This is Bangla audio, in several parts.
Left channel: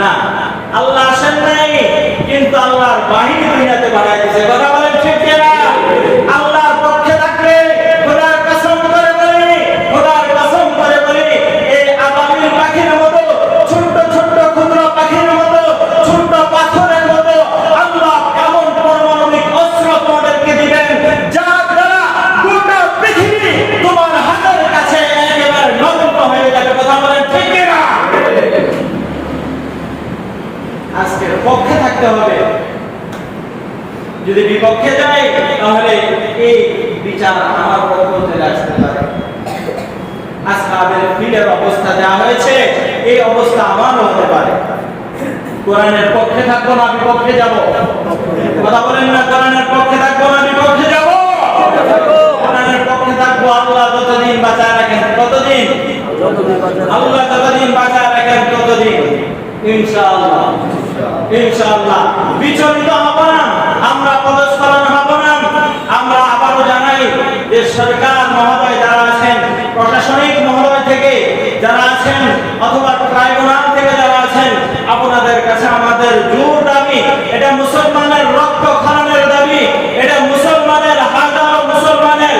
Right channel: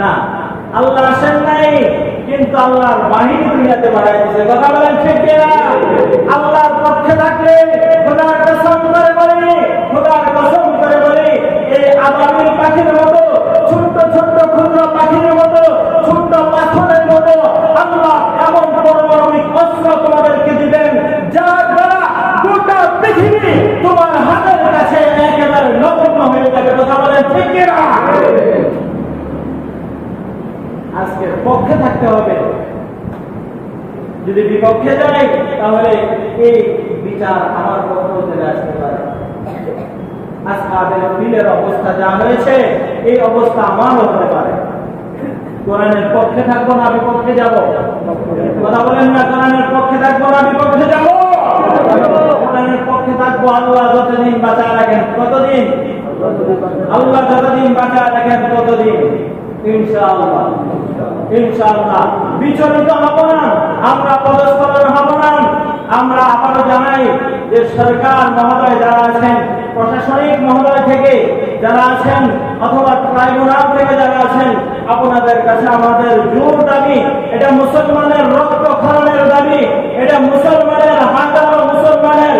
না, আল্লাহ আসেন নাই, কিন্তু আল্লাহর বাহিনী দুনিয়াতে বাড়াই দিয়েছে। কথা বলেন ঠিক কিনা? আল্লাহর পক্ষে থাকলে খোদার কসম করে বলি, খোদার কসম করে বলি, এই আবাবিল পাখির মতো, ছোট্ট ছোট্ট ক্ষুদ্র পাখির মতো, ছোট্ট পাথরের মতো আল্লাহ এমন পারমাণবিক অস্ত্র তোমাদেরকে দিবেন, যার দ্বারা গোটা পৃথিবী তোমার হাতের কাছে একেবারে নগ্ন হয়ে যাবে। কথা বলেন ঠিক কিনা? আজকের পক্ষে থাকতে হবে। যদি বিপক্ষে যাই তাহলে এই বিচার আমার পক্ষে চলে আসতে পারে। আসহাবের ফিলের অবস্থা যা হয়েছে, এই অবস্থা আমারও হতে পারে। কোরআনের পক্ষে থাকবো না বিপক্ষে যাব? কথা বলেন না, কোরআনের পক্ষে থাকবো না বিপক্ষে যাব? কোরআনের পক্ষে থাকবো। আল্লাহ যতদিন বাঁচায় রাখেন, কতদিন? আল্লাহ যতদিন বাঁচায় রাখেন ততদিন ইনশাআল্লাহ, ইনশাআল্লাহ বিচলিত হব না, আমরা পদস্খলন হব না। আমরা আবারও জানাই যে সরকার মহোদয় যারা আছেন, প্রশাসনিক মহোদয় থেকে যারা আছেন, অথবা ট্রাইব্যুনাল থেকে যারা আছেন, আপনাদের কাছে আমাদের জোর দাবি, এটা মুসলমানের রক্ত খননের দাবি, এটা মুসলমানের হাজারো মুসলমানের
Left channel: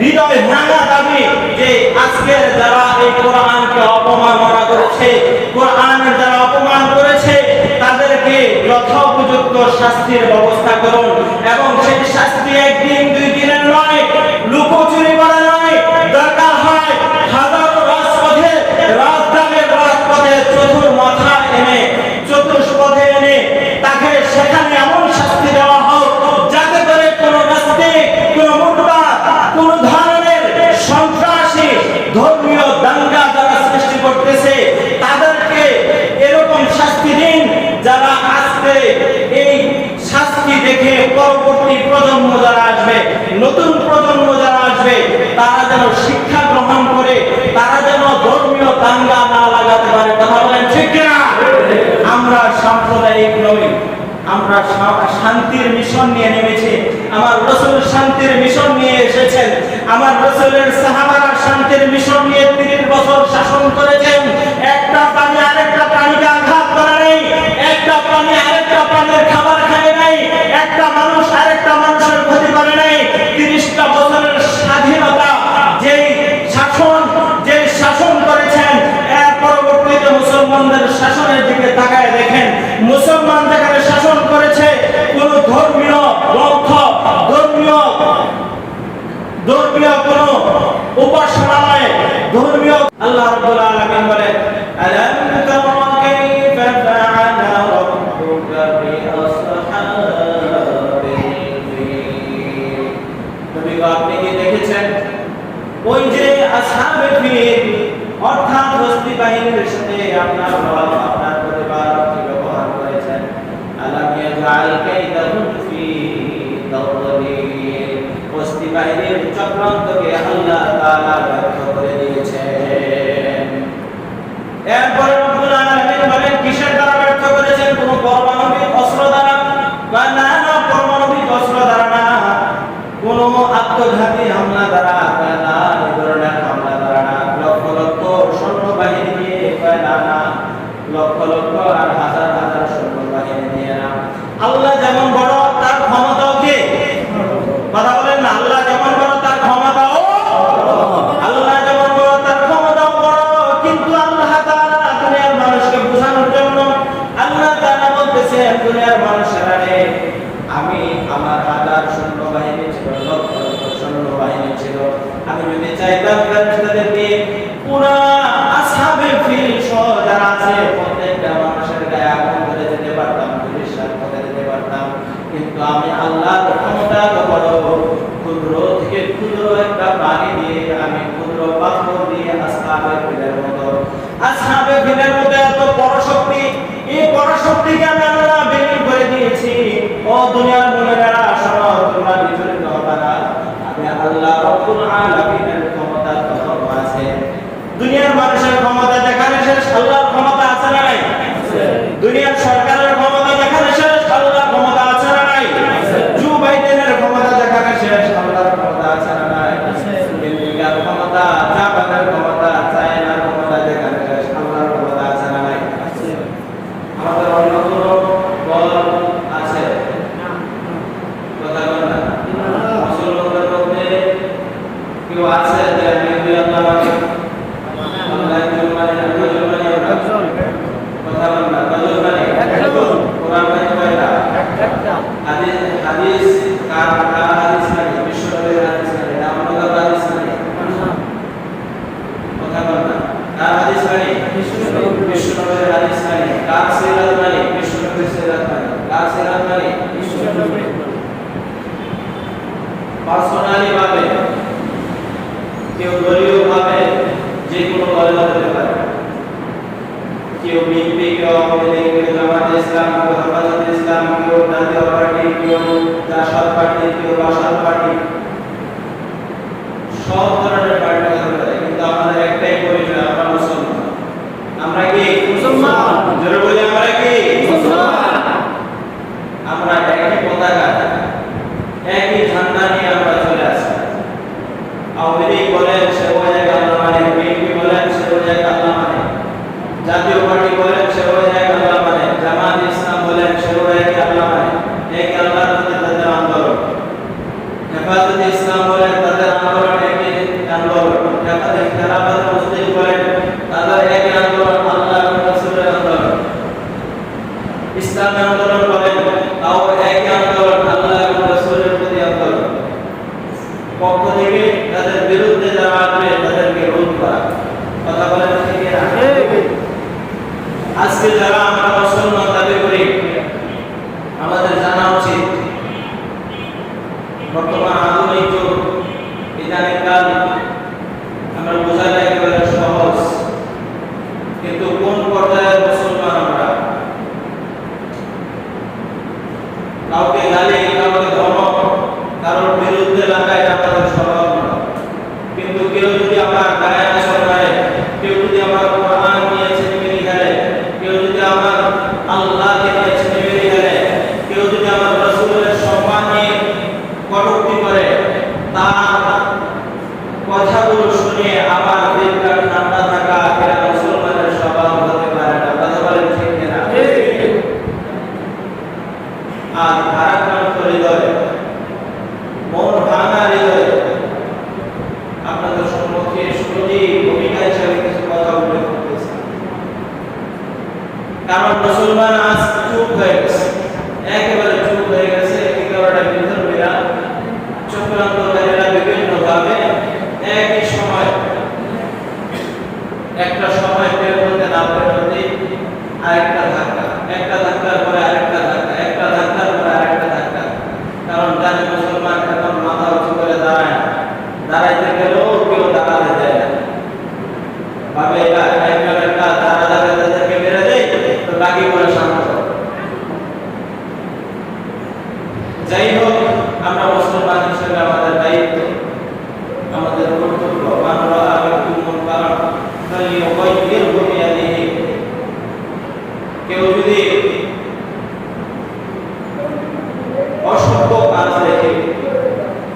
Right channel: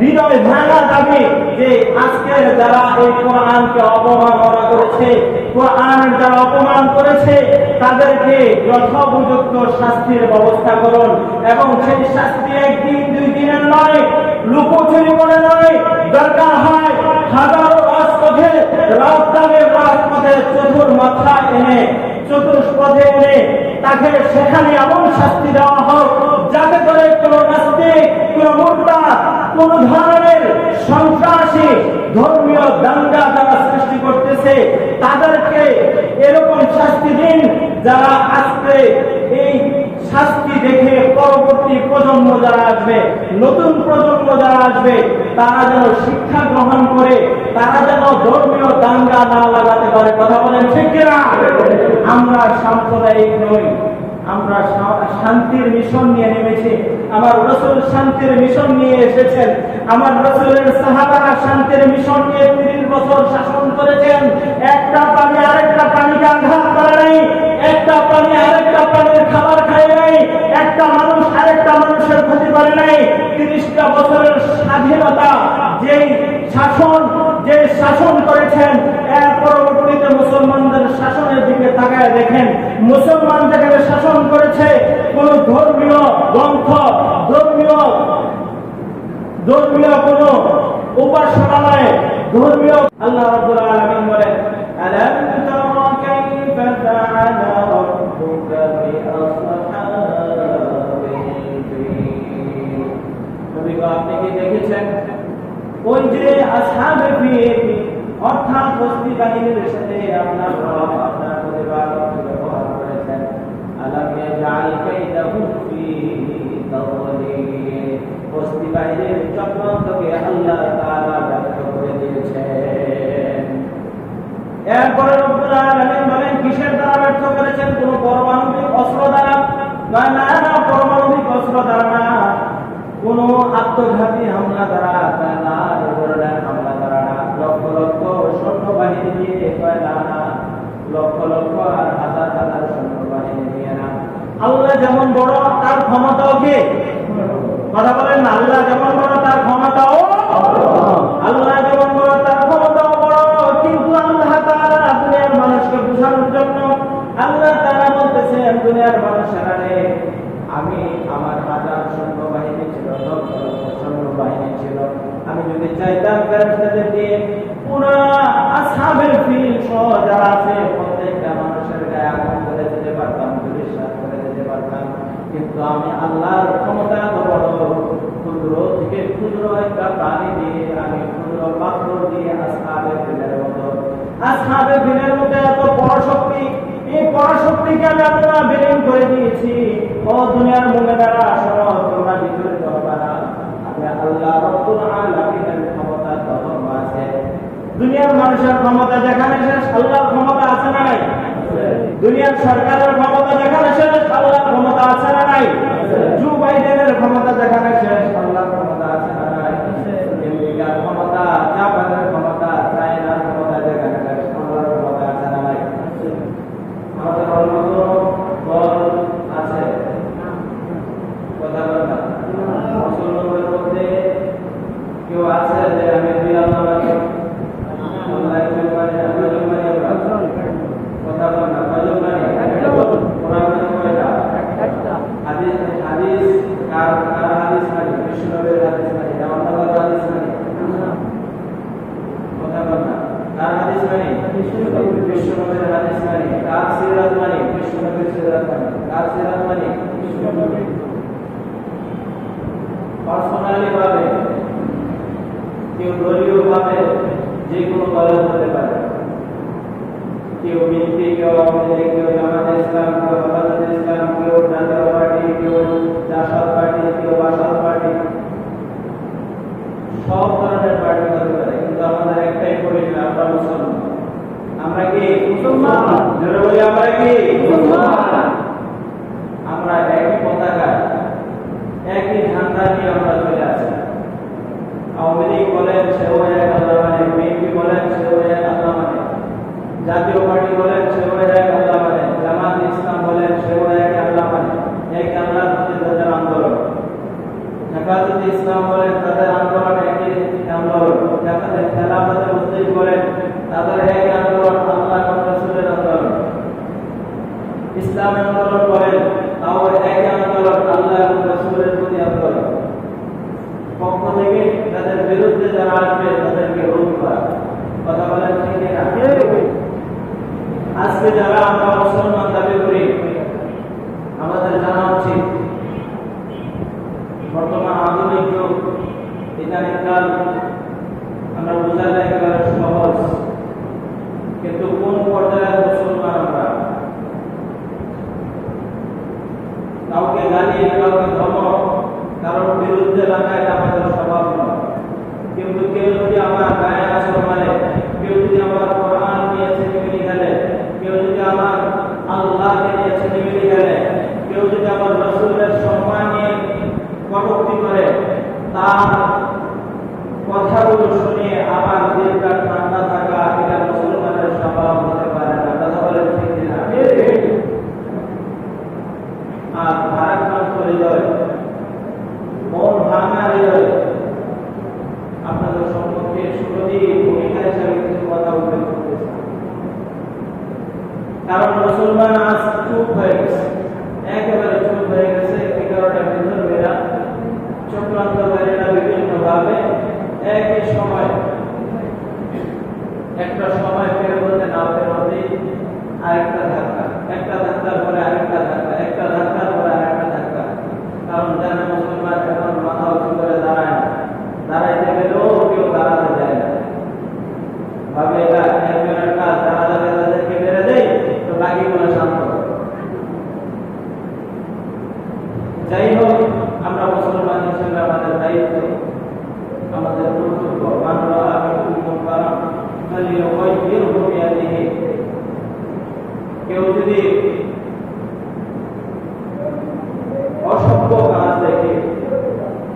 হৃদয় ভাঙা দাবি, যে আজকের যারা এই কোরআনকে অপমাননা করেছে, কোরআনের যারা অপমান করেছে, তাদেরকে যথোপযুক্ত শাস্তির ব্যবস্থা করুন। এবং সেই শাস্তি একদিন দুই দিনের নয়, লুকোচুরি করে নয়, দরকার হয় হাজারো রাজপথে চতুর মাথা এনে, চতুষ্পথে এনে তাকে সেখানে এমন শাস্তি দেওয়া হোক, যাতে করে কোনো নাস্তিক, কোনো মুরতাদ, কোন ধরনের সন্ত্রাসী ধর্মীয় দাঙ্গা যারা সৃষ্টি করতেছে, তাদেরকে এরকম শাস্তি দিন, যারা আজকে এই শাস্তি দেখে পরবর্তী প্রজন্ম যারা আসবে, নতুন প্রজন্ম যারা আসবে, তারা যেন শিক্ষা গ্রহণ করে, তারা যেন ধর্মীয় দাঙ্গা না লাগাতে পারে। কথা বলেন ঠিক কিনা? আমরা সাম্প্রদায়িক নই, আমরা শান্তির মিশন নিয়ে নেমেছি। আমার রাসূল শান্তির মিশন নিয়ে এসেছেন। আমার রাসূলের সাহাবারা শান্তির মিশন নিয়ে 30 বছর শাসন করেছেন। একটা প্রাণী আরেকটা প্রাণীকে আঘাত করে নাই, একটা প্রাণী আরেকটা প্রাণীর খাবার খায় নাই, একটা মানুষ আরেকটা মানুষের ক্ষতি করে নাই। 30টা বছরের স্বাধীনতা যেই শাসন করেছেন, এর পরবর্তীতে মুসলমানদের শাসনের দিকে তাকায় দেখেন, মুসলমান যেখানে শাসন করেছে, কোন ধর্মীয় গ্রন্থ, ধর্মীয় কোন উপাসনালয়ে, ধর্মীয় আল্লাহ রাব্বুল আলামিন বলেন, আলাম তারা কাইফা ফাআলা রাব্বুকা বিআসহাবিল ফিল। নবী আপনি কি দেখেছেন ওই যে আসহাবে ফিল, অর্থাৎ হস্তি বাহিনীর সাথে আপনার পরিবার কি ব্যবহার করেছেন? আলাম ইয়াজআল কাইদাহুম ফি তাদলিল। হস্তি বাহিনীর চক্রান্তকে আল্লাহ তাআলা ব্যর্থ করে দিয়েছেন। এরপর রব্বুল আলামিন বলেন, কিসের দ্বারা ব্যর্থ করেছেন? কোন পারমাণবিক অস্ত্র দ্বারা? না, পারমাণবিক অস্ত্র দ্বারা না, কোন আত্মঘাতী হামলা দ্বারা না, এই ধরনের হামলা দ্বারা না, লক্ষ লক্ষ সৈন্যবাহিনী দিয়ে না, লক্ষ লক্ষ আর হাজার হাজার সৈন্যবাহিনী দিয়ে না। আল্লাহ যেমন বড়, তার ক্ষমতাও কি? কথা বলেন না, আল্লাহ যেমন বড় তার ক্ষমতাও, আল্লাহ যেমন বড় তার ক্ষমতাও বড়। কিন্তু আল্লাহ তাআলা দুনিয়ার মানুষকে বোঝানোর জন্য আল্লাহ তাআলা বলতেছেন, দুনিয়ার মানুষেরা রে, আমি আমার হাজার সৈন্যবাহিনী ছিল, লক্ষ লক্ষ সৈন্যবাহিনী ছিল, আমি যদি চাইতাম ফেরেশতাদের দিয়ে পুরো আসহাবে ফিল সহ যারা আছে প্রত্যেকটা মানুষের গায়ে আগুন ধরে যেতে পারতাম, পরিষ্কার করে যেতে পারতাম। কিন্তু আমি আল্লাহর ক্ষমতা তো বড়, ক্ষুদ্র থেকে ক্ষুদ্র একটা প্রাণী দিয়ে, আমি ক্ষুদ্র পাথর দিয়ে আসহাবে ফিলের মতো এত বড় শক্তি, এই বড় শক্তিকে আমি আল্লাহ বের করে দিয়েছি। ও দুনিয়ার মুমিনেরা শোনো, তোমরা বিচলিত হবে না, আমি আল্লাহ রব্বুল আলামিনের ক্ষমতা কত আছে। দুনিয়ার মানুষের ক্ষমতা যেখানে শেষ, আল্লাহর ক্ষমতা আছে না নাই? দুনিয়ার সরকারের ক্ষমতা যেখানে শেষ, আল্লাহর ক্ষমতা আছে না নাই? জো বাইডেনের ক্ষমতা যেখানে শেষ, আল্লাহর ক্ষমতা আছে না নাই? আমেরিকার ক্ষমতা, জাপানের ক্ষমতা, চায়নার ক্ষমতা যেখানে শেষ, আল্লাহর ক্ষমতা আছে না নাই? কেউ দলীয়ভাবে যে কোনো দলে হতে পারে, কেউ বিএনপি, কেউ আওয়ামী লীগ, কেউ জামাতে ইসলাম, কেউ হেফাজতে ইসলাম, কেউ জাতীয় পার্টি, কেউ জাসদ পার্টি, কেউ বাসদ পার্টি, সব ধরনের পার্টি হতে পারে, কিন্তু আমাদের একটাই পরিচয়, আমরা মুসলমান। আমরা কি মুসলমান? জোরে বলি আমরা কি মুসলমান? আমরা একই পতাকা, একই ঝান্ডা নিয়ে আমরা চলে আসি। আওয়ামী লীগ বলেন সেও এক আল্লাহ মানে, বিএনপি বলেন সেও এক আল্লাহ মানে, জাতীয় পার্টি বলেন সেও এক আল্লাহ মানে, জামাত ইসলাম বলেন সেও এক আল্লাহ মানে, এক আল্লাহর প্রতি তাদের আন্দোলন। হেফাজতে ইসলাম বলেন তাদের আন্দোলন একই আন্দোলন, খেলাফত মুসলিম বলেন তাদের একই আন্দোলন, আল্লাহ এবং রাসূলের আন্দোলন। ইসলামী আন্দোলন বলেন তাও একই আন্দোলন, আল্লাহ এবং রাসূলের প্রতি আন্দোলন। পক্ষ থেকে তাদের বিরুদ্ধে যারা আসবে তাদেরকে রোধ করা। কথা বলেন ঠিক না? আজকে যারা আমরা মুসলমান দাবি করি, আমাদের জানা উচিত বর্তমান আধুনিক যুগ, ইদানিং কাল আমরা বোঝাটা একেবারে সহজ, কিন্তু কোন পর্যায়ের মুসলমান আমরা? কাউকে গালি, কাউকে ধমক, কারোর বিরুদ্ধে লাগায় আমাদের স্বভাব নয়। কিন্তু কেউ যদি আমার গায়ে আসর মারে, কেউ যদি আমার কোরআন নিয়ে ছেলেমেলি খেলে, কেউ যদি আমার আল্লাহকে নিয়ে ছেলেমেলি খেলে, কেউ যদি আমার রাসূলের সম্মান নিয়ে কটূক্তি করে, তার কথাগুলো শুনে আমার দিলটা ঠান্ডা থাকা এটা মুসলমানের স্বভাব হতে পারে না। কথা বলেন ঠিক কিনা? আজ ভারাক্রান্ত হৃদয়, মন ভাঙা হৃদয় আপনাদের সম্মুখে সুরজি ভূমিকা হিসেবে কিছু কথা উল্লেখ করতেছে। কারণ মুসলমান আজ চুপ হয়ে গেছে, একেবারে চুপ হয়ে গেছে। এই কারণে বিধর্মীরা, চক্রান্তকারীরা বিভিন্নভাবে একই সময়, একটা সময় বের হতে না বের হতে আরেকটা ধাক্কা, একটা ধাক্কার পরে আরেকটা ধাক্কা, একটা ধাক্কার পরে আরেকটা ধাক্কা। কারণ জানে মুসলমান এখন মাথা উঁচু করে দাঁড়ায় না, দাঁড়াইতে গেলেও কেউ দাঁড়াতে যায় না, ভাবে এটা একজনের কাজ, যারা যাবে তাদেরকে বেড়ে দেয় তো বাকিগুলো শান্ত। যাই হোক, আমরা মুসলমান হিসেবে আমাদের দায়িত্ব, আমাদের কর্তব্য, মানরা আমিকুম মুনকারান ফালিয়ুগাইয়িরহু বিয়াদিহি। কেউ যদি অসভ্য কাজ দেখে,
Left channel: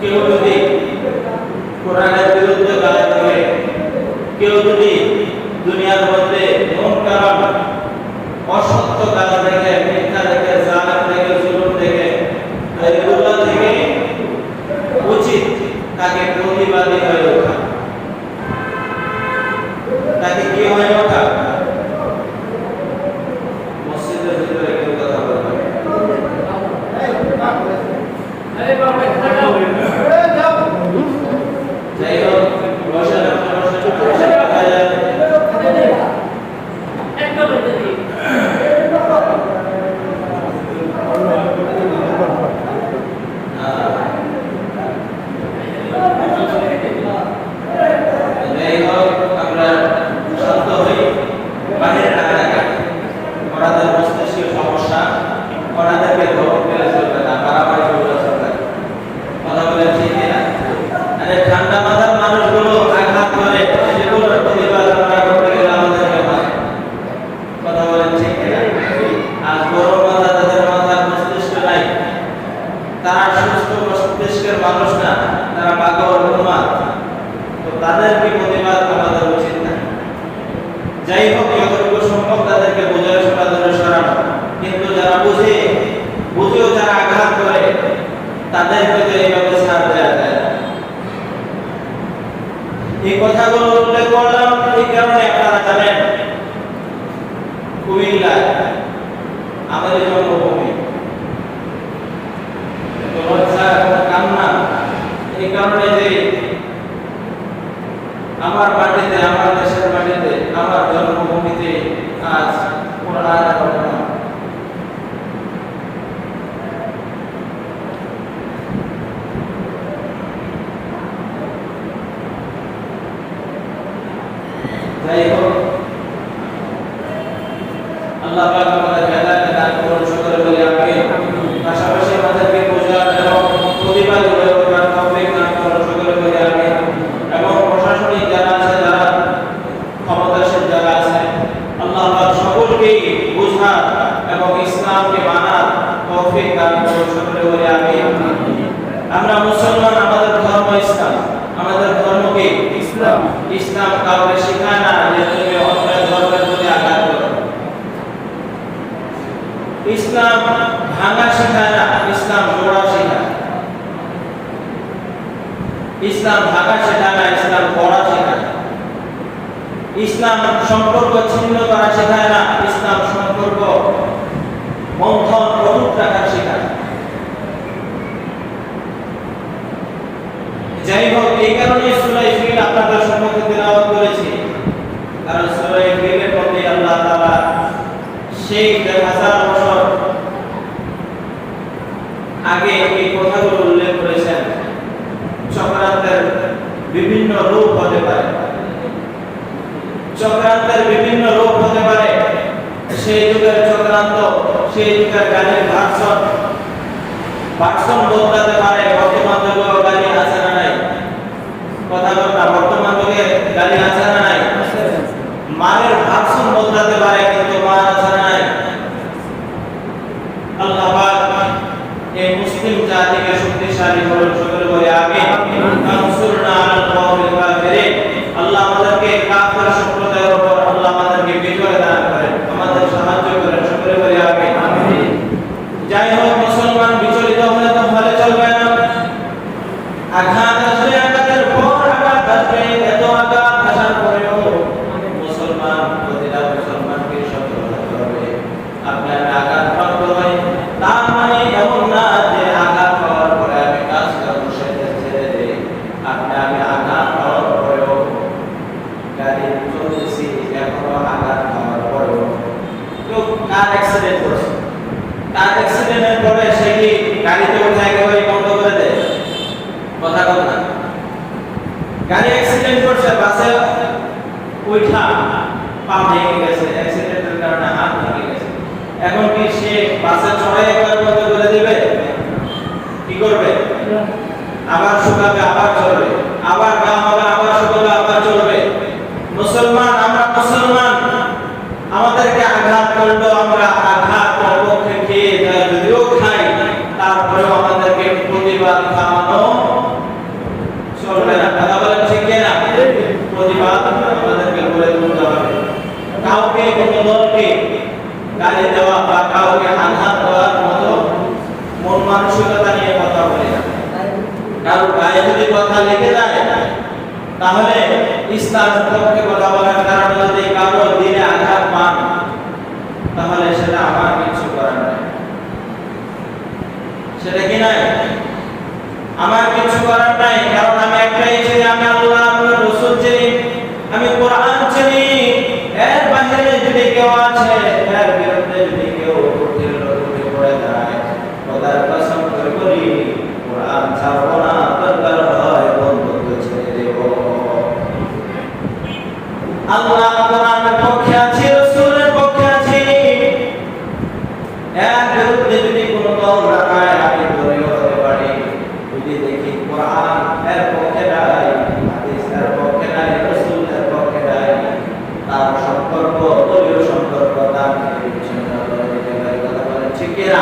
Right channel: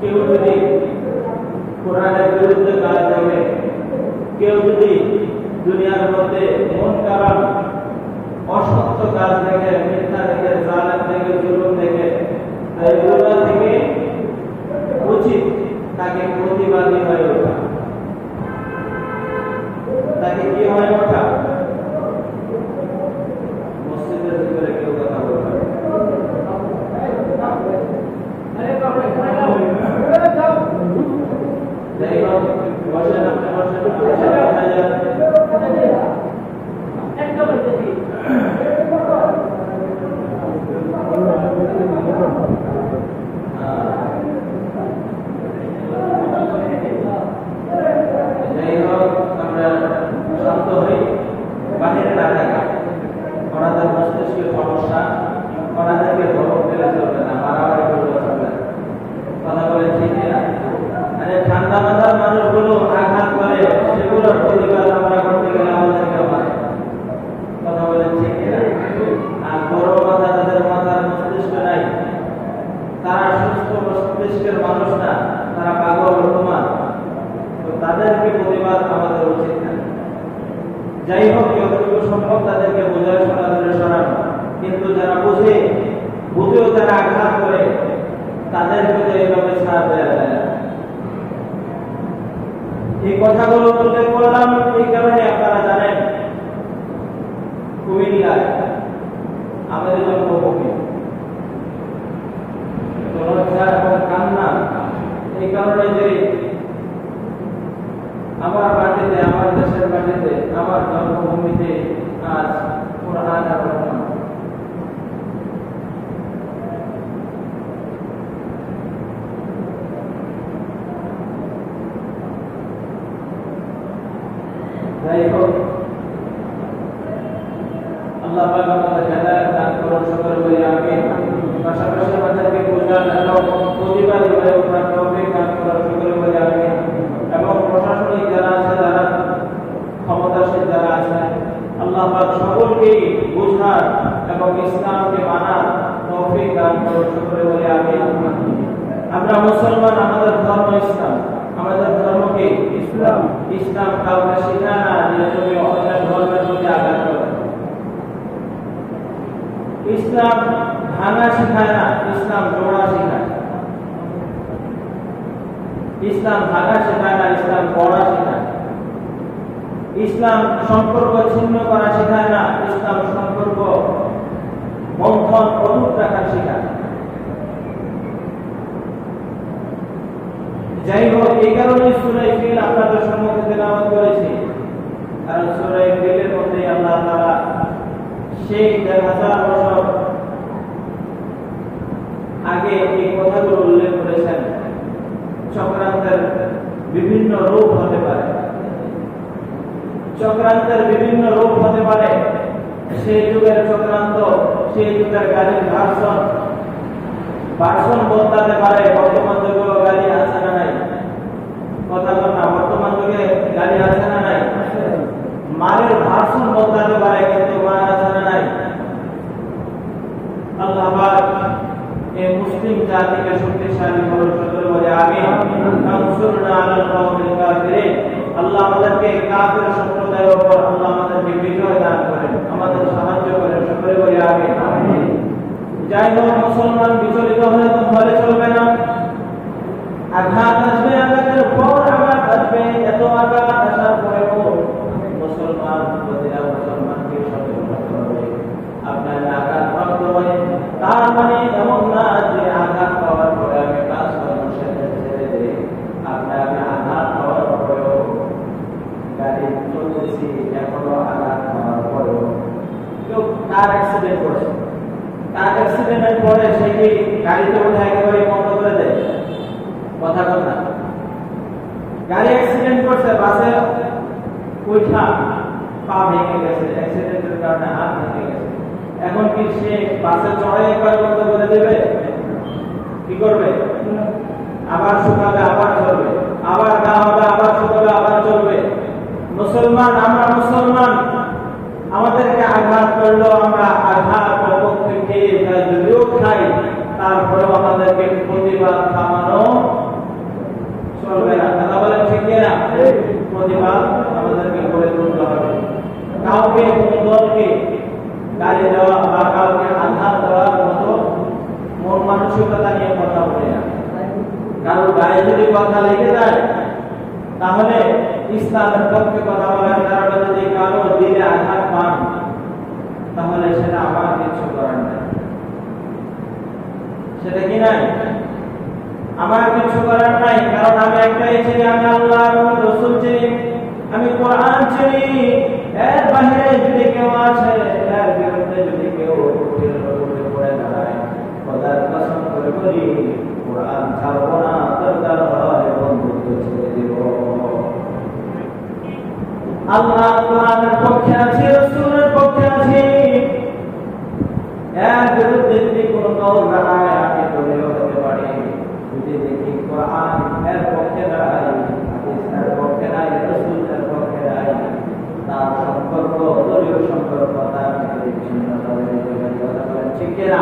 কেউ যদি কোরআনের বিরুদ্ধে গালি দেয়, কেউ যদি দুনিয়ার মধ্যে মুনকারান অসত্য কাজ দেখে, মিথ্যা দেখে, জালেম দেখে, জুলুম দেখে, এগুলো থেকে উচিত তাকে প্রতিবাদী হয়ে ওঠা, তাকে কি হয়ে ওঠা? মসজিদের ভিতরে কেউ কথা বলবে, যাই হোক, বসে যাই হোক, যতটুকু সম্ভব তাদেরকে বোঝায় সমাধানের সরানো। কিন্তু যারা বুঝেও যারা আঘাত করে, তাদেরকে তো এইভাবে ছাড় দেওয়া যায় না। এই কথাগুলো উল্লেখ করলাম এই কারণে, আপনারা জানেন কুমিল্লায় আমাদের জন্মভূমি, লজ্জা এবং কান্না এই কারণে যে আমার মাটিতে, আমার দেশের মাটিতে, আমার জন্মভূমিতে আজ কোরআন আল্লাহ পাক আমাদের হেদায়েত দান করুন, সকলে বলি আমিন। পাশাপাশি আমাদেরকে বোঝার এবং প্রতিবাদ করার তৌফিক দান করুন, সকলে বলি আমিন। এবং প্রশাসনিক যারা আছে, যারা ক্ষমতাশীল যারা আছে, আল্লাহ পাক সকলকে বোঝার এবং ইসলামকে মানার তৌফিক দান করুন, সকলে বলি আমিন। আমরা মুসলমান, আমাদের ধর্ম ইসলাম, আমাদের ধর্ম কি ইসলাম। ইসলাম কাউকে শেখায় না যে তুমি অন্য ধর্মের প্রতি আঘাত করো। ইসলাম ভাঙা শেখায় না, ইসলাম জোড়া শেখায়। ইসলাম ভাঙা শেখায় না, ইসলাম গড়া শেখায়। ইসলাম সম্পর্ক ছিন্ন করা শেখায় না, ইসলাম সম্পর্ক বন্ধন অটুট রাখা শেখায়। যাই হোক, এই কারণে সূরা ফিল আপনাদের সম্মুখে তেলাওয়াত করেছি, কারণ সূরা ফিলের মধ্যে আল্লাহ তাআলা সেই 1000 বছর আগে এই কথাগুলো উল্লেখ করেছেন। চক্রান্তের বিভিন্ন রূপ হতে পারে, চক্রান্তের বিভিন্ন রূপ হতে পারে। সেই যুগের চক্রান্ত, সেই যুগের গালির ভার্সন বদলাতে পারে। বর্তমান যুগে গালি আছে না নাই? কথা বল না, বর্তমান যুগে গালি আছে না নাই? মানের ভার্সন বদলাতে পারে, কিন্তু মান আছে না নাই? আল্লাহ পাক এই মুসলিম জাতিকে শক্তিশালী করুন, সকলে বলে আমিন। আনসুরনা আলাল কওমিল কাফিরিন। আল্লাহ আমাদেরকে কাফির সম্প্রদায়ের উপর আল্লাহ আমাদেরকে বিজয় দান করেন, আমাদের সাহায্য করেন, সকলে বলে আমিন। যাই হোক, মুসলমান বিচলিত হলে তো ভালো চলবে না। আঘাত আসবে, আঘাতের পর আঘাত আসবে। এত আঘাত আসার পরেও মুসলমান, প্রতিটা মুসলমানকে সতর্ক হতে হবে। আপনি আমি আঘাত প্রাপ্ত হই, তার মানে এমন না যে আঘাত পাওয়ার পরে আমি কাজ করব সেটা ছেড়ে দেই। আপনি আমি আঘাত পাওয়ার পরেও গাড়ি চলতেছি, এখনো আঘাত পাওয়ার পরেও কেউ কার অ্যাক্সিডেন্ট করছে, কার অ্যাক্সিডেন্টের পরে সে কি গাড়িতে উঠে একেবারে বন্ধ করে দেয়? কথা বল না। গাড়ি অ্যাক্সিডেন্ট করছে, বাসে উঠা পা ভেঙে গেছে, অ্যাক্সিডেন্টের কারণে হাত ভেঙে গেছে। এখন কি সে বাসে চড়াই একবার বন্ধ করে দেবে? কি করবে? আবার শুকাবে, আবার চলবে, আবার গা হবে, আবার শুকাবে, আবার চলবে। মুসলমান, আমরা মুসলমান, আমাদেরকে আঘাত করলো, আমরা আঘাত পক্ষে খেয়ে যদিও খাই, তারপরেও আমাদেরকে প্রতিবাদ থামানো চলবে না। কথা বলেন ঠিক না? প্রতিবাদ আমাদেরকে করে তুলতে হবে। কাউকে, কোনো দলকে গালি দেওয়া বা কাউকে আঘাত দেওয়ার মতো মন মানসিকতা নিয়ে কথা বলে না। কারোর গায়ে যদি কথা লেগে যায়, তাহলে ইসলামের পক্ষে কথা বলার কারণে যদি কারো দিলে আঘাত পান, তাহলে সেটা আমার কিছু করার নাই। সেটা কি নাই? আমার কিছু করার নাই। কারণ আমি একটাই চিনি, আমি আল্লাহ, আমি রাসূল চিনি, আমি কোরআন চিনি। এর বাইরে যদি কেউ আছে, এর বিরুদ্ধে যদি কেউ উঠে পড়ে যায়, খোদার কসম করে বলি, কোরআন ছাড়ব না, দরকার হয় বন্ধুত্ব ছেড়ে দেব। আল্লাহ কোরআনের পক্ষে আছি, রাসূলের পক্ষে আছি। এর বিরুদ্ধে যদি কোনো দল দাঁড়ায়, আমি দলীয় হতে পারি। যদি দেখি কোরআন এর পক্ষে নাই, হাদিস এর পক্ষে নাই, রাসূল এর পক্ষে নাই, তার সম্পর্ক, দলীয় সম্পর্ক তার থেকে বিচ্ছিন্ন করে দিতে পারি। কথা বলেন ঠিক কিনা?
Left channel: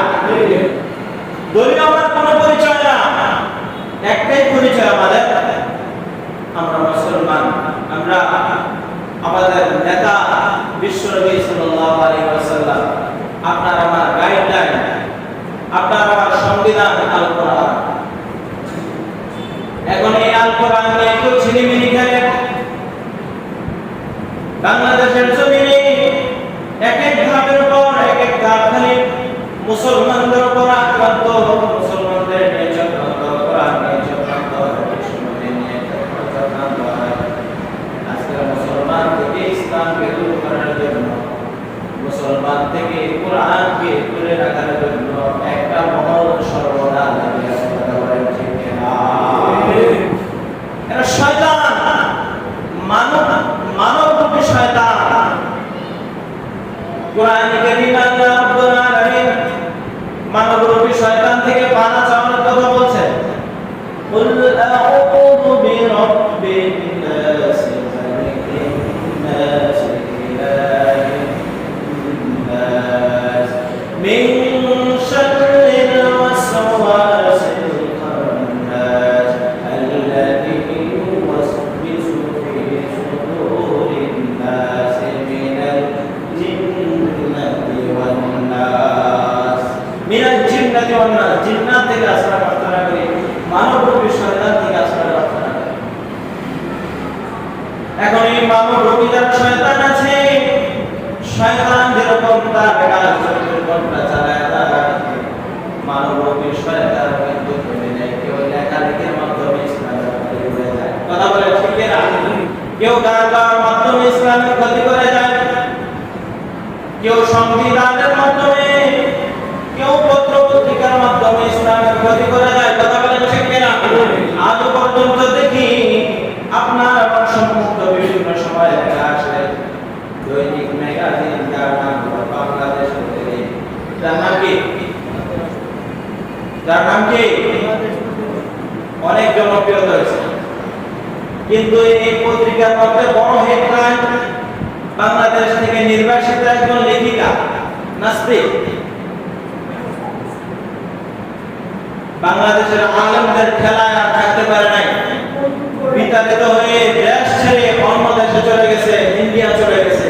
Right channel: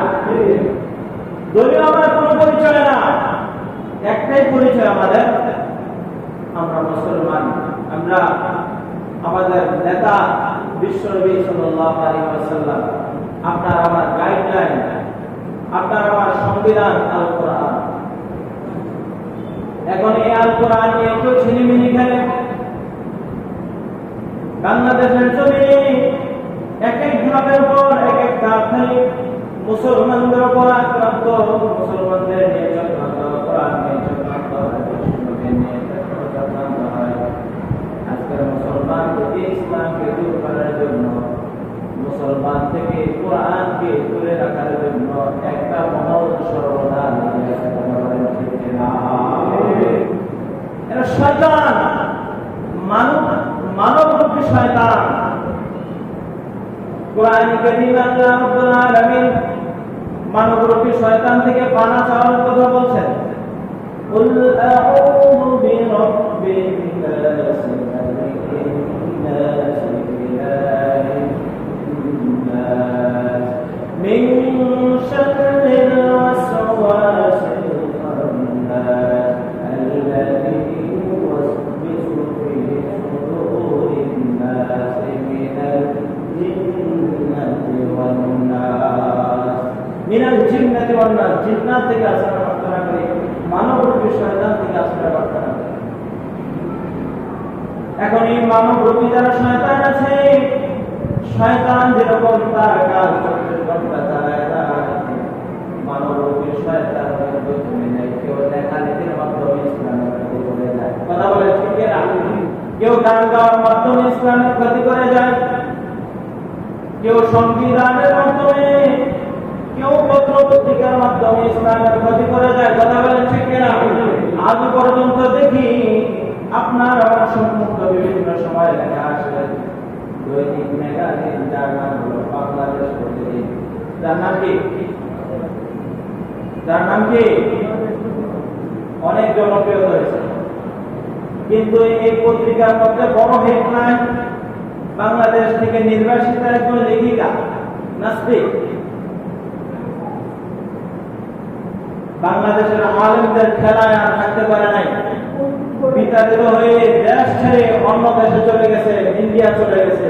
দলীয় আমার কোনো পরিচয় না, একটাই পরিচয় আমাদের, আমরা মুসলমান। আমরা আমাদের নেতা বিশ্বনবী সাল্লাল্লাহু আলাইহি ওয়াসাল্লাম, আপনার আমার গাইডলাইন, আপনার আমার সংবিধান আল কোরআন। এখন এই আল কোরআন নিয়ে একটু ছিনিমিনি খেলে বাংলাদেশের জমিনে এক এক ধাপের উপর এক এক ধাপ খালি মুসলমানদের উপর আক্রান্ত, মুসলমানদের নিয়ে চক্রান্ত, কোরআন নিয়ে চক্রান্ত, বিশ্বনবী নিয়ে চক্রান্ত হয়। আজকের মুসলমান থেকে ইসলামকে দূর করার জন্য, মুসলমান থেকে কোরআনকে দূরে রাখার জন্য একটা মহল সর্বদা লেগে আছে। কথা বলেন ঠিক কিনা? এরা শয়তান, মানবরূপী শয়তান। কোরআনে কারীমে আল্লাহ রাব্বুল আলামিন মানবরূপী শয়তান থেকে পানা চাওয়ার কথা বলছেন। কুল আউযু বিরাব্বিন নাস মালিকিন নাস ইলাহিন নাস মিন শাররিল ওয়াসওয়াসিল খান্নাস আল্লাযী ইউওয়াসবিসু ফী সুদুরিন নাস মিনাল জিন্নাতি ওয়ান নাস। মিনাল জিন্নাতি ওয়ান নাস, জিন্নাত থেকে আশ্রয় প্রার্থনা করি, মানবরূপী শয়তান থেকে আশ্রয় প্রার্থনা করি। এখন এই মানবরূপী যারা শয়তান আছে, শয়তান যেরকম তার কাজ 24 ঘন্টা চালায় না, মানবরূপী শয়তান কিন্তু থেমে নেই। কেউ লেখালেখির মাধ্যমে ইসলামের ক্ষতি করে যায়, কথা বলে ঠিক না? কেউ গান গাওয়ার মাধ্যমে ইসলামের ক্ষতি করে যায়, কেউ সংবিধানের মাধ্যমে, কেউ পত্র পত্রিকার মাধ্যমে ইসলামের ক্ষতি করে যায়, কথা বলে ঠিক না? আজ পর্যন্ত দেখি আপনার আমার সম্মুখ বিভিন্ন সময় লেখা আসে দৈনিক ম্যাগাজিন, যার নাম হলো বাংলাদেশ প্রতিদিন। যার নাম কি? যার নাম কি? অনেক জনপ্রিয়তা হয়েছে, কিন্তু এই পত্রিকার মধ্যে বড় হেডলাইন, বাংলাদেশ থেকে নির্বাসিত একজন লেখিকা নাস্তিক বাংলাদেশের আলেমদের খেলায় আর থাকতে পারে নাই, বিতাড়িত হয়ে দেশ ছেড়ে অন্য দেশে চলে গেছে, ইন্ডিয়া চলে গেছে।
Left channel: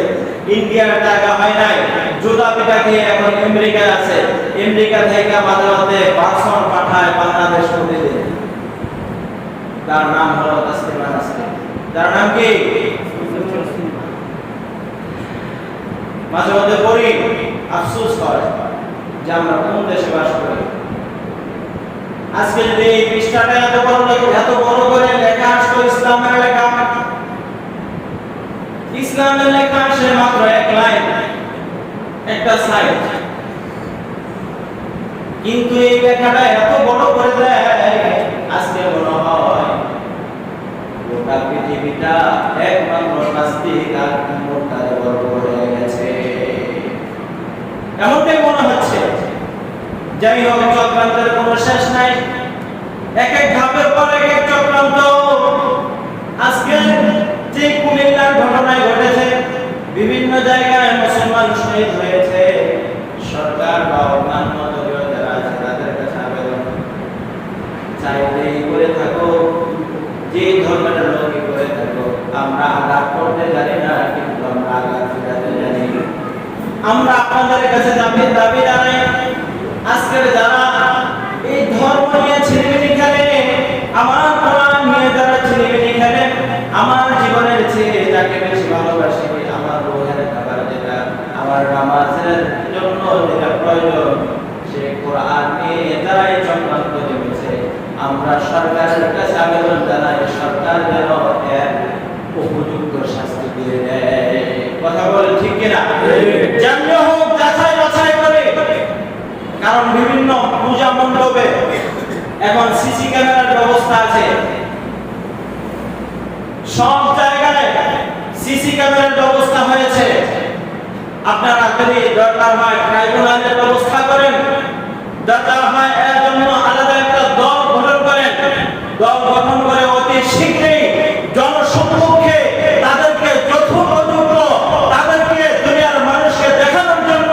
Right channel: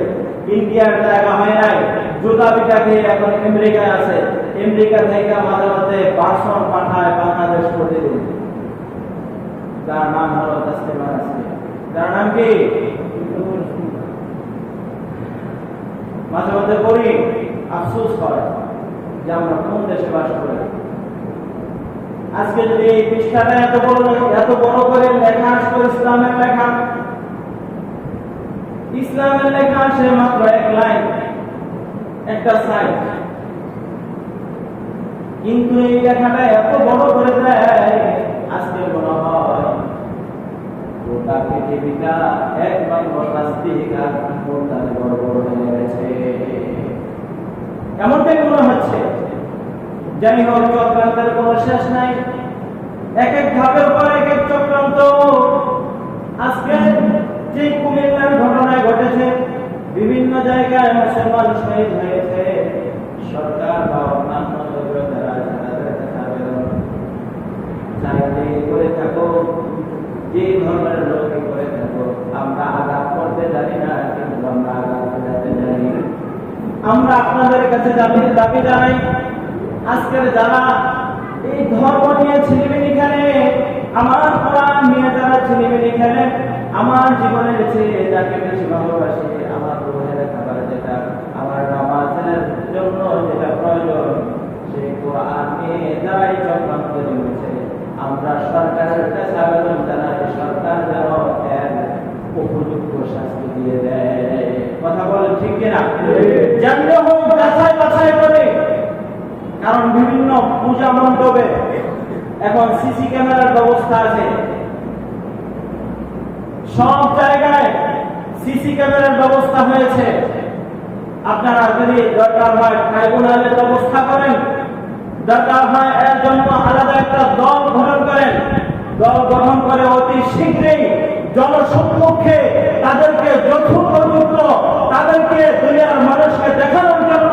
ইন্ডিয়ার টাকা হয় নাই, জুতা পিটা খেয়ে এখন আমেরিকায় আছে। আমেরিকা থেকে মাঝে মাঝে ভাষণ পাঠায় বাংলাদেশ প্রতিদিন। তার নাম হলো তাসলিমা নাসরিন। তার নাম কি? মাঝে মাঝে পড়ি, আফসোস করে যে আমরা কোন দেশে বাস করি। আজকে যদি এই পৃষ্ঠাটা এত বড় করে লেখা আসতো ইসলামের লেখা, ইসলামের লেখা আসে মাত্র এক লাইন, একটা সাইড, কিন্তু এই লেখাটা এত বড় করে দেয়, আজকে মনে হয় গোটা পৃথিবীটা একমাত্র নাস্তিক আর মুরতাদ বর্গ হয়ে গেছে, এমনটাই মনে হচ্ছে। যাই হোক, চক্রান্তের কোনো শেষ নাই, এক এক ধাপের পর এক এক চক্রান্ত। আজকে যে কুমিল্লার ঘটনায় ঘটেছে, বিভিন্ন জায়গায় মুসলমান শহীদ হয়েছে, সরকার বা অন্যান্য দলীয় যারা আছে তাদের কাছে আবেদন, চাইলেই করে থাকো, যে ধর্মের লোকই করে থাকো, আমরা আঘাত করতে জানি না, কিন্তু আমরা আঘাত ফেরাতে জানি। আমরা আপনাদের কাছে দাবি জানাই, আজকের যারা এই ধর্ম নিয়ে ছিনিমিনি খেলে, আমার কোরআন নিয়ে যারা ছিনিমিনি খেলে, আমার জীবনের চেয়ে যাকে বেশি ভালোবাসি, আমার রোহের খাবার যেটা, আমার নামাজের জন্য যেটা প্রয়োজন, সেই কোরআন নিয়ে যারাই চক্রান্ত নেমেছে, আমরা সরকারের কাছে আবেদন জানাই, সরকার যেন এর উপযুক্ত শাস্তি দিয়ে দেয়। কথা বলে ঠিক কিনা? যেমনি হোক যাচাই বাছাই করে, কারণ বিভিন্ন পূজা মণ্ডপে এখন সিসি ক্যামেরার ব্যবস্থা আছে, সব জায়গায় সিসি ক্যামেরার ব্যবস্থা হয়েছে। আপনারা যদি দরকার হয় ট্রাইব্যুনালের ব্যবস্থা করেন, দরকার হয় এর জন্য আলাদা একটা দল গঠন করেন, দল গঠন করে অতি শীঘ্রই জনসম্মুখে তাদেরকে যথোপযুক্ত, তাদেরকে দুনিয়ার মানুষকে দেখানোর জন্য,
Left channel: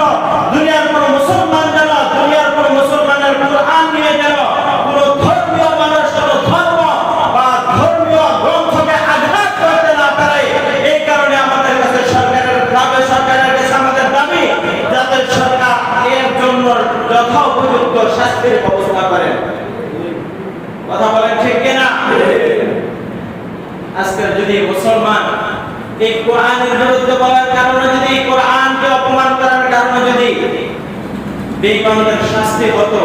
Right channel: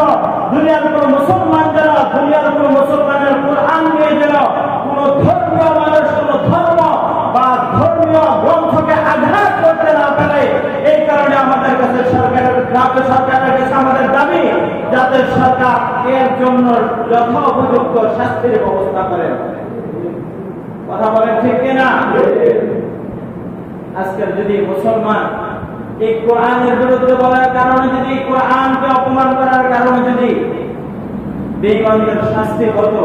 দুনিয়ার কোন মুসলমান যেন, দুনিয়ার কোন মুসলমানের কোরআন নিয়ে যেন কোন ধর্মীয় মানুষ কোন ধর্ম বা ধর্মীয় গ্রন্থকে আঘাত করতে না পারে। এই কারণে আমাদের কাছে সরকারের কাছে আমাদের দাবি, যাতে সরকার এর জন্য যথোপযুক্ত শাস্তির ব্যবস্থা করেন। কথা বলেন ঠিক কিনা? আজকের যদি মুসলমান এই কোরআনের বিরুদ্ধে বলার কারণে, যদি এই কোরআনকে অপমান করার কারণে যদি বেঈমানদের শাস্তি হতো,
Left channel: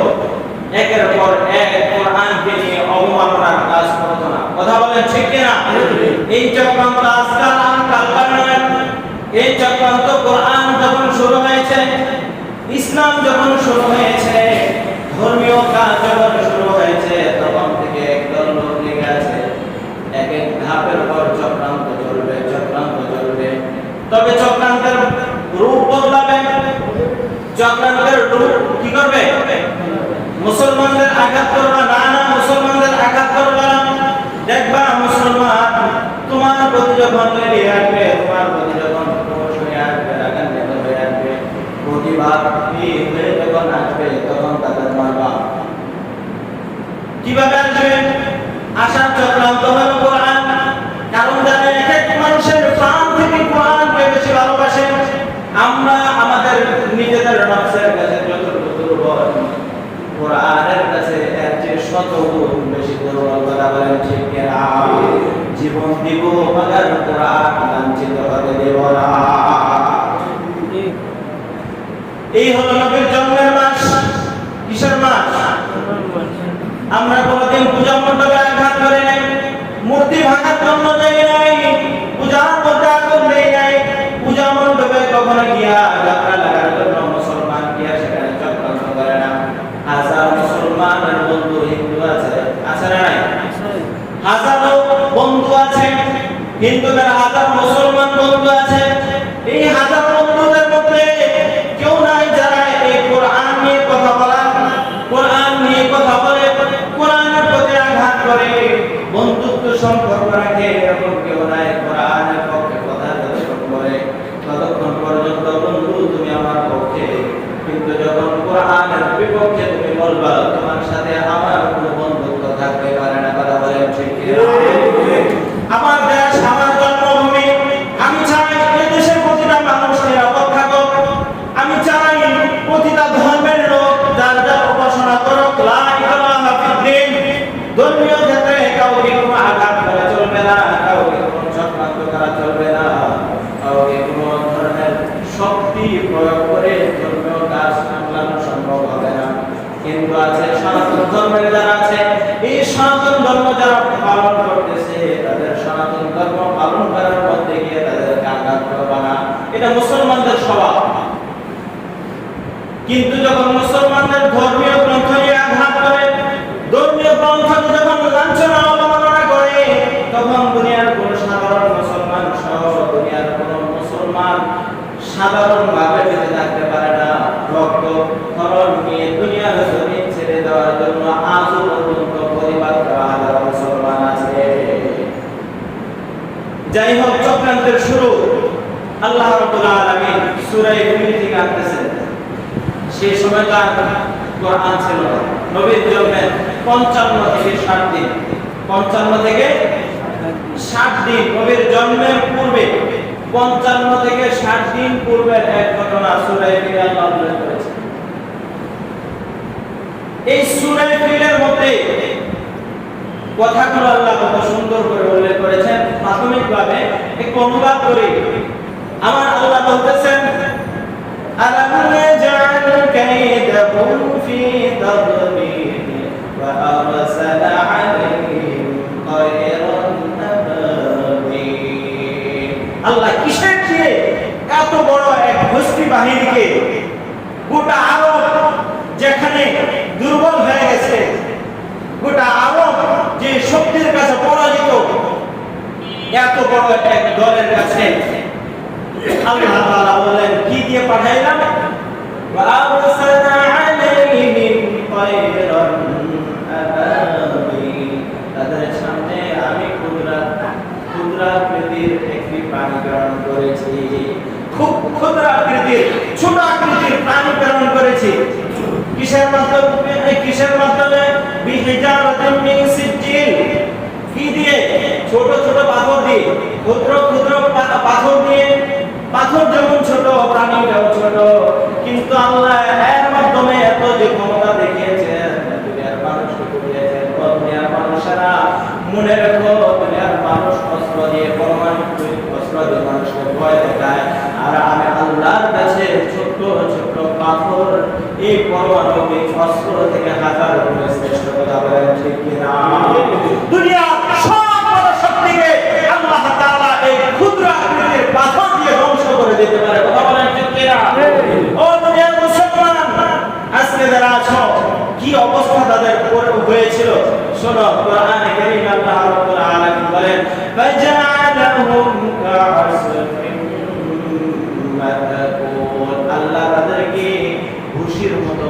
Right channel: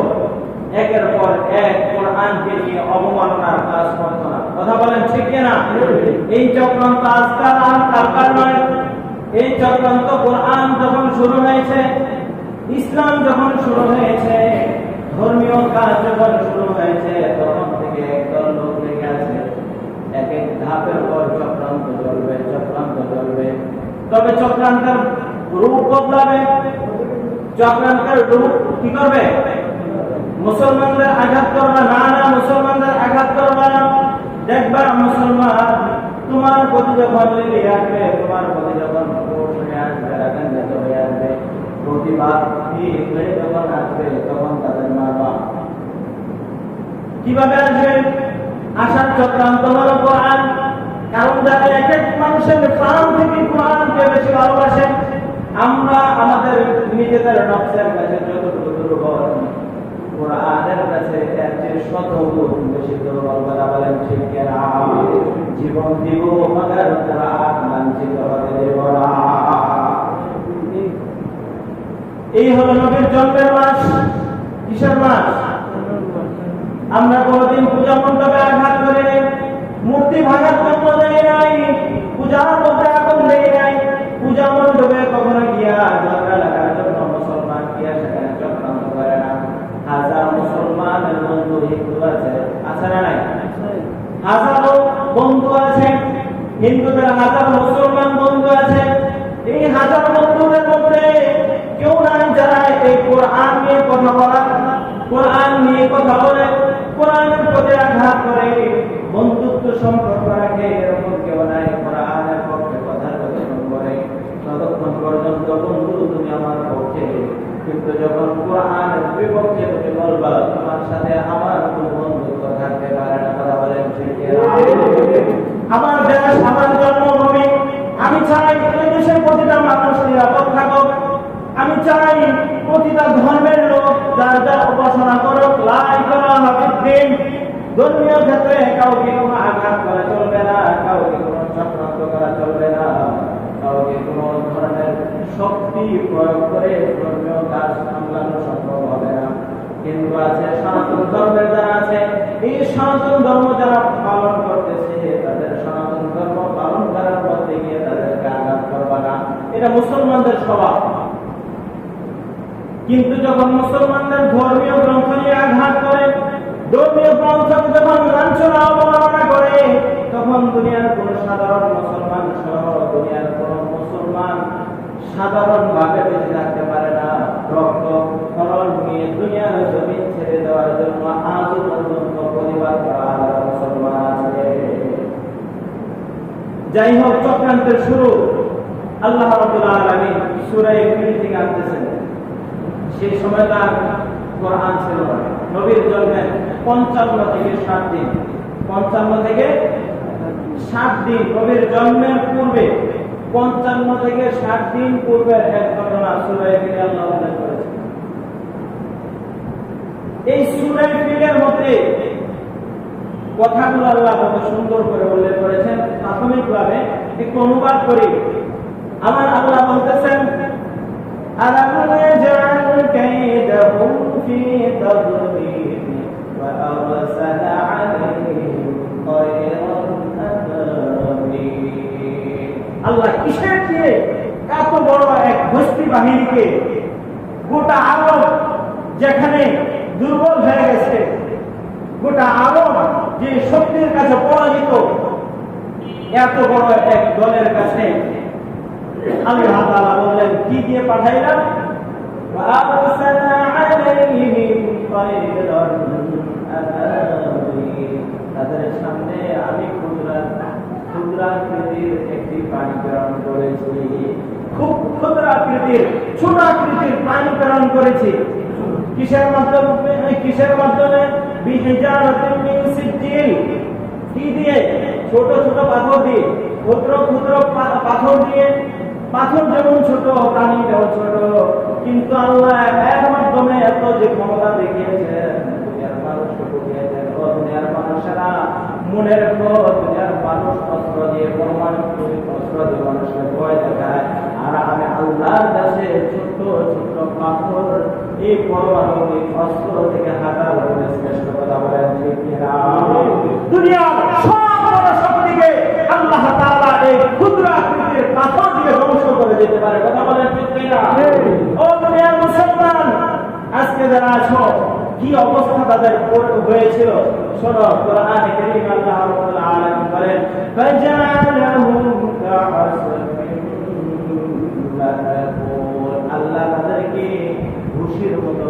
একের পর এক কোরআনকে নিয়ে অবমাননার কাজ করত না। কথা বলেন ঠিক কিনা? এই চক্রান্ত আজকাল কালকার নয়, এই চক্রান্ত কোরআন যখন শুরু হয়েছে, ইসলাম যখন শুরু হয়েছে, ধর্মীয় কাজ যখন শুরু হয়েছে, তখন থেকে একদল লোক লেগে আছে, এক এক ধাপের পর চক্রান্ত চলবে। তবে চক্রান্তের রূপ বদলাবে, চক্রান্তের রূপ কি করবে? মুসলমানদের আঘাত করবে না, না মুসলমানদের আঘাত করবে না। দেখবা মুসলমান তোমার প্রতি যখন লেগে আসবে, তোমার প্রতি যখন ক্রোশ হয়ে আসবে, রাগান্বিত হয়ে আসবে, প্রতিবাদী হয়ে যখন আসবে, তখন তাদের মারবা। কিভাবে আসবে? আসার চক্রান্ত হলো কোরআন। কারণ যারা এক এক মানুষের প্রাণ থেকে কোরআনকে বেশি ভালোবাসে, আমরা আমাদের নিজেদের নফসের কাছে যতটুকু দুর্বল, কোরআনের কাছে এর চেয়ে শত গুণ বেশি দুর্বল। কথা বলেন ঠিক কিনা? জীবন দিব মগর কোরআন লাঞ্ছিত হতে দেব না। এই হলো নবীর জন্মের মাস। কিসের মাস? আমরা কোনদিন পূজা মণ্ডপে আঘাত করে নাই, মূর্তি ভাঙার জন্য দেয় নাই, পূজার মধ্যে আগুন দেয় নাই, পূজা মণ্ডপে কখনো গিয়া যাত্রা লাগার জন্য মুসলমান গিয়া সেখানে চক্রান্ত করে না। হাজার মুসলমানের বন্ধু হিন্দু আছে, আছে না নাই? হাজারো বন্ধু আছে, হিন্দুদের হাজার মুসলমান বন্ধু আছে। এই হাজার বন্ধুদের মধ্যে কেউ নাই যারা এই কোরআন নিয়ে কথা বলা, কোরআন নিয়ে কথা বলে, কোরআনের প্রতি আঘাত করে, বন্ধুত্ব সম্পর্ক রাখে, এরকম কেউ নাই। কোরআনের পক্ষে কথা যতক্ষণ করে ততক্ষণ পর্যন্ত বন্ধু তুমি আমার পক্ষে, কিন্তু যখন কোরআনের বিপক্ষে তুমি বলবা, তোমার সাথে আমার কোনো বন্ধুত্ব থাকতে পারে না। কথা বলেন ঠিক কিনা? আমার দেশ, আমার জন্মভূমি, আমি চাই এই দেশের প্রতিটা মানুষ নিরাপদ থাকুক। আমি চাই প্রতিটা ধর্মের লোক যার যার উপাসনা করুক, লা ইলাহা ইল্লাল্লাহ। ধর্মীয় ক্ষেত্রে কাউকে কোনো আঘাত করা চলবে না, কাউকে কোনো চক্রান্ত করা চলবে না, কাউকে কোনো ধরনের শক্তি প্রয়োগ করে ধর্মীয় কাজ সামলানো সম্ভব হবে না। কিন্তু আছে সনাতন ধর্মের যারা আছে, এই সনাতন ধর্ম যারা পালন করতেছে, তাদের সনাতন ধর্ম পালন করার মধ্যে গিয়ে তাদেরকে আঘাত করবে না, এটা মুসলমানদের স্বভাব। কিন্তু যখন মুসলমানদের ধর্মীয় গ্রন্থ নিয়ে আঘাত করে, ধর্মীয় গ্রন্থকে যখন লাঞ্ছনা অবমাননা করে, তখন দুনিয়ার কোন সাধারণ মুসলমান সহ দুনিয়ার কোন মুসলমান সাধারণভাবে বেঁচে থাকতে পারে না। রক্ত খরচ নিয়ে দুনিয়ার জমিন ছেড়ে দেওয়ার জন্য আজও পর্যন্ত পরিবার করা হাজার মুসলমান আছে। যাই হোক, চক্রান্তের শুরু আল্লাহ রাব্বুল আলামিন সূরা ইউনূস থেকে আনতেছেন। সেই সময় তো কোরআন ছিল না। নবীর জন্মের 55 থেকে 60 দিন, 55 থেকে 60 দিন, নবীর জন্মের পূর্বে 55 থেকে 60 দিন পূর্বের এক ঘটনা সূরা ফিল আল্লাহ উল্লেখ করেছে। এই সূরা ফিলের মধ্যে কথাগুলো আল্লাহ কত সুন্দর করে উল্লেখ করেছেন। প্রাথমিকভাবে একটু অনুবাদ করি। আমার আল্লাহ বলতেছেন, ألم يجعل كيدهم في تضليل وأرسل عليهم طيرا أبابيل। আল্লাহ কিসের দিয়ে এত বড় এক গোষ্ঠী বাহিনীকে, গোটা আরব যেখানে দুর্বল হয়ে গেছে, গোটা আরব যে শক্তির কাছে পরাজিত, এত বড় এক দলের কাছে আল্লাহ তাআলা বলেন কি দিয়ে পাঠাইলাম? ওয়াআরসালনা আলাইহিম তায়রান আবাবিল। তাদের সামনে আমি ক্ষুদ্রাকৃতির একটি প্রাণী প্রেরণ করেছি, খুব ক্ষুদ্রাকৃতির ছোট আকৃতির প্রাণী প্রেরণ করেছি। কিসের মাধ্যমে? বিহিজারাতিন মিন সিজ্জিল। কি দিয়ে? ছোট ছোট পাথর দিয়ে, ক্ষুদ্র ক্ষুদ্র পাথর দিয়ে। পাথর যেমন ছোট, প্রাণীটাও ছোট, কিন্তু আল্লাহ এর মাধ্যমে এত যে ক্ষমতা দেখিয়েছেন, দুনিয়ার মানুষকে বুঝিয়েছেন। দুনিয়ার মানুষেরা মনে রেখো, দুনিয়ার মানুষ অস্ত্র দিয়ে, পরমাণবিক অস্ত্র দিয়ে মানুষকে ভয় দেখায়, আর আমি আল্লাহর কাছে ছোট ছোট পাথর এই পরমাণবিক অস্ত্র থেকে হাজার গুণে শ্রেষ্ঠ। কথা বলেন ঠিক কিনা? দুনিয়ার সব বড় শক্তিকে আল্লাহ তাআলা এই ক্ষুদ্র আকৃতির পাথর দিয়ে ধ্বংস করে দিতে পারে। কথা বলেন ঠিক কিনা? ও দুনিয়ার মুসলমান, আজকে যারা আছো, কি অবস্থা তাদের হয়েছিল শোনো। কোরআনে কারীমে আল্লাহ রাব্বুল আলামিন বলেন, ফাজাআলাহুম কা'আসফিন মা'কুল।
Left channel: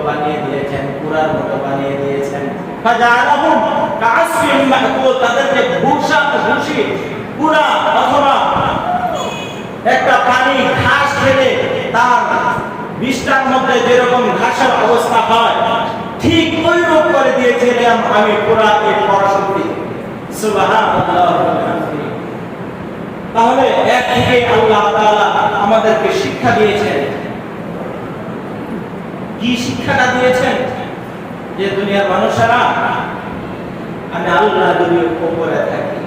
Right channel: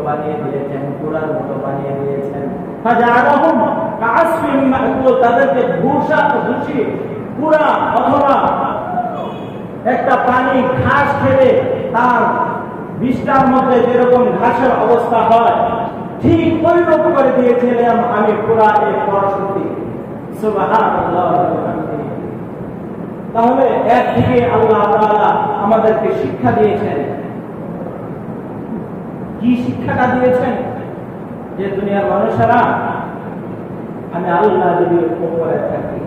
বানিয়ে দিয়েছেন, কুড়ার মতো বানিয়ে দিয়েছেন। ফাজাআলাহুম কাআসফিন মাকুল, তাদেরকে ভুসি কুড়া অথবা একটা প্রাণী ঘাস খেলে তার বিষ্ঠার মধ্যে যেরকম ঘাসের অবস্থা হয়, ঠিক ওইরূপ করে দিয়েছিলাম আমি পুরা এই পরাশক্তি। সুবহানাল্লাহ। তাহলে এর থেকে আল্লাহ তাআলা আমাদেরকে শিক্ষা দিয়েছেন। কি শিক্ষাটা দিয়েছেন? যে দুনিয়ার মানুষেরা, আমি আল্লাহ যদি উপরে থাকি,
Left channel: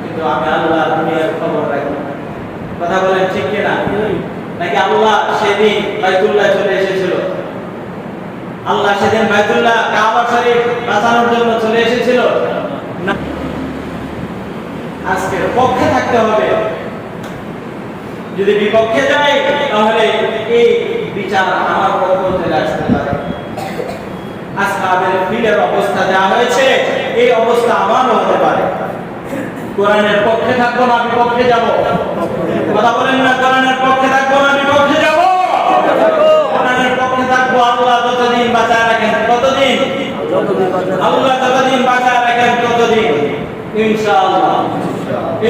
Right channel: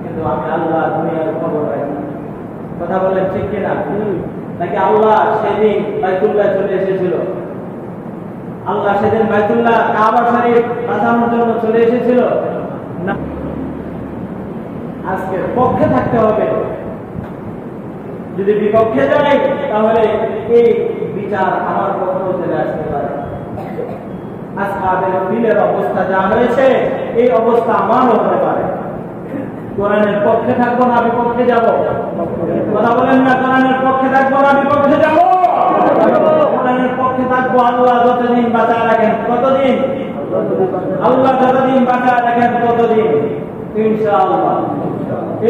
কিন্তু আমি আল্লাহ দুনিয়ার খবর রাখি। কথা বলেন ঠিক কিনা? নাকি আল্লাহ সেদিন বাইতুল্লাহ চলে এসেছিল? আল্লাহ সেদিন বাইতুল্লাহ কাবা শরীফ বাঁচানোর জন্য চলে এসেছিল না। আজকের পক্ষে থাকতে হবে। যদি বিপক্ষে যাই তাহলে এই বিচার আমার পক্ষে চলে আসতে পারে। আসহাবের ফিলের অবস্থা যা হয়েছে, এই অবস্থা আমারও হতে পারে। কোরআনের পক্ষে থাকবো না বিপক্ষে যাব? কথা বলেন না, কোরআনের পক্ষে থাকবো না বিপক্ষে যাব? কোরআনের পক্ষে থাকবো। আল্লাহ যতদিন বাঁচায় রাখেন, কতদিন? আল্লাহ যতদিন বাঁচায় রাখেন ততদিন ইনশাআল্লাহ।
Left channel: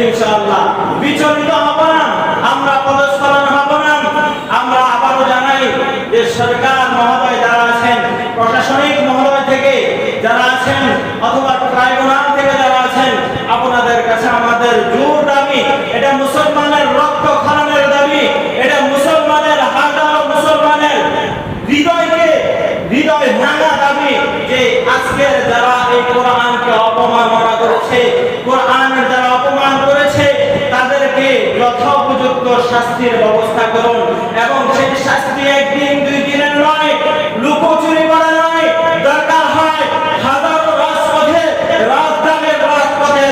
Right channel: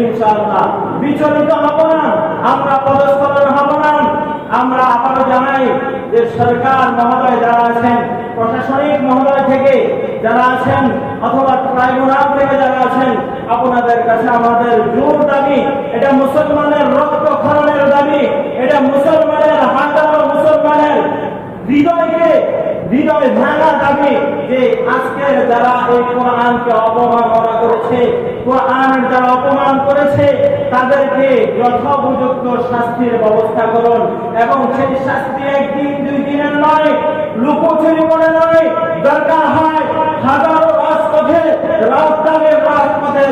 ইনশাআল্লাহ বিচলিত হব না, আমরা পদস্খলন হব না। আমরা আবারও জানাই যে সরকার মহোদয় যারা আছেন, প্রশাসনিক মহোদয় থেকে যারা আছেন, অথবা ট্রাইব্যুনাল থেকে যারা আছেন, আপনাদের কাছে আমাদের জোর দাবি, এটা মুসলমানের রক্ত খরণের দাবি, এটা মুসলমানের হাজারো মুসলমানের হৃদয় ভাঙা দাবি, যে আজকের যারা এই কোরআনকে অপমাননা করেছে, কোরআনের যারা অপমান করেছে, তাদেরকে যথোপযুক্ত শাস্তির ব্যবস্থা করুন। এবং সেই শাস্তি একদিন দুই দিনের নয়, লুকোচুরি করে নয়, দরকার হয় হাজারো রাজপথে, রাজপথে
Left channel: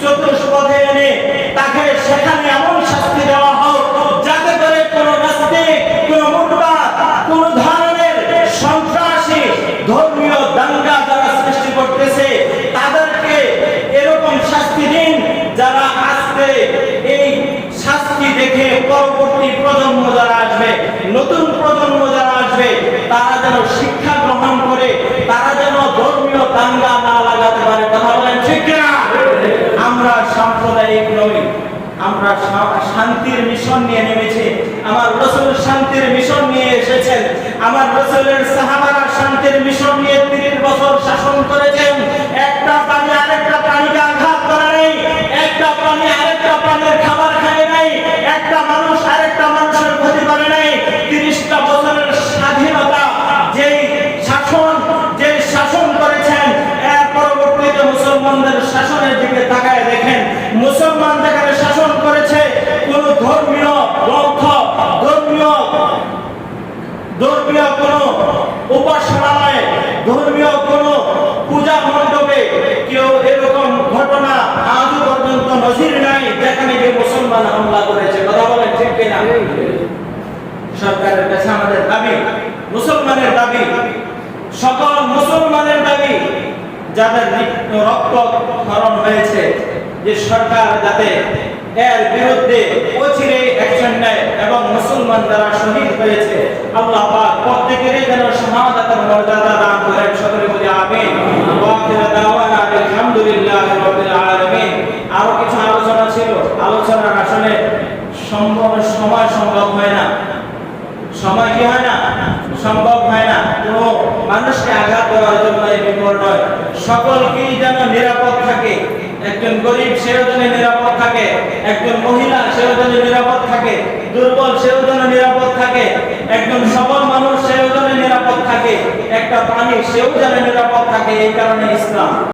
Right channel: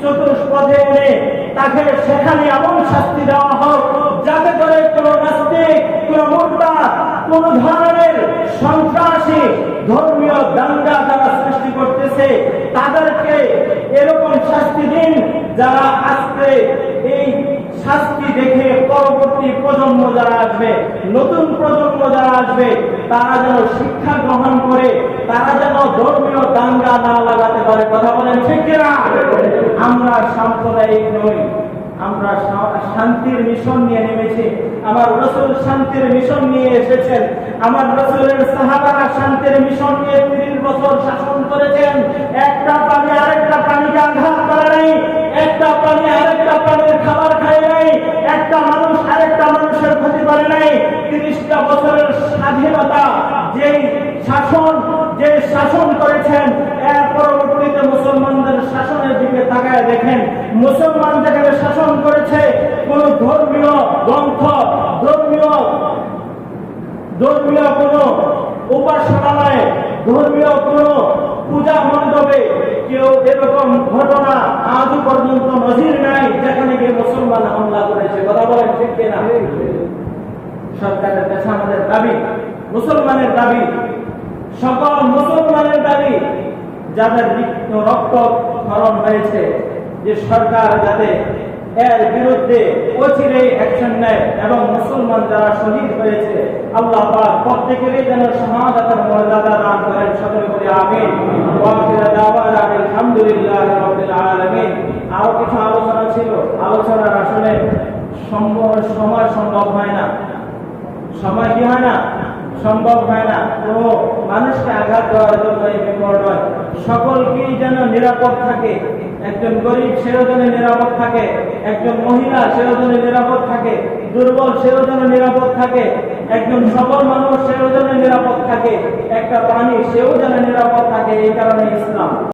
চতুষ্পথে এনে তাকে সেখানে এমন শাস্তি দেওয়া হোক, যাতে করে কোন নাস্তিক, কোন মুরতাদ, কোন ধরনের সন্ত্রাসী ধর্মীয় দাঙ্গা যারা সৃষ্টি করতেছে, তাদেরকে এরকম শাস্তি দিন, যারা আজকে এই শাস্তি দেখে পরবর্তী প্রজন্ম যারা আসবে, নতুন প্রজন্ম যারা আসবে, তারা যেন শিক্ষা গ্রহণ করে, তারা যেন ধর্মীয় দাঙ্গা না লাগাতে পারে। কথা বলেন ঠিক কিনা? আমরা সাম্প্রদায়িক নই, আমরা শান্তির মিশন নিয়ে নেমেছি। আমার রাসূল শান্তির মিশন নিয়ে এসেছেন। আমার রাসূলের সাহাবারা শান্তির মিশন নিয়ে 30 বছর শাসন করেছেন। একটা প্রাণী আরেকটা প্রাণীকে আঘাত করে নাই, একটা প্রাণী আরেকটা প্রাণীর খাবার খায় নাই, একটা মানুষ আরেকটা মানুষের ক্ষতি করে নাই। 30টা বছরের স্বাধীনতা যেই শাসন করেছেন, এর পরবর্তীতে মুসলমানদের শাসনের দিকে তাকায় দেখেন, মুসলমান যেখানে শাসন করেছে, কোন ধর্মীয় গ্রন্থ, ধর্মীয় কোন উপাসনালয়ে, ধর্মীয় কোন পূজা মণ্ডপে কেউ এরকম ঘটনা আজও পর্যন্ত নজির নাই যেখানে গিয়ে মুসলমান হামলা করেছে। কথা বলেন ঠিক কিনা? সরকারের কাছে আমাদের দাবি, মুসলমানের দাবি, সকল মুসলমানের দাবি, যাদের রক্ত ক্ষরণ হয়েছে, যে সরকার যাতে এর বিরুদ্ধে অচিরে অ্যাকশন নেয় এবং মুসলমান যারা শহীদ হয়েছে, আল্লাহ পাক প্রত্যেকেরই যেন শাহাদাতের মর্যাদা দান করেন। সকলে বলি আমিন। ওয়া আখিরু দাওয়ানা আলহামদুলিল্লাহি রাব্বিল আলামিন। আরো কিছু আলোচনা ছিল, আলোচনার আসলে সময় সম্ভব হয় না। সময় কি হয় না? সম্ভব হয় না। কোনো মানুষকে আঘাত করার জন্য এই বিপদ নয়। সকলকেই যেন নিরাপদ থাকে। একজন গরিব সেও যেন নিরাপদ থাকে, একজন মহিলা সেও যেন নিরাপদ থাকে, দুর্বল সেও যেন নিরাপদ থাকে, একজন সবল মানুষ সেও যেন নিরাপদ থাকে, একটা প্রাণী সেও যেন নিরাপদ থাকে। এই কারণে ইসলাম।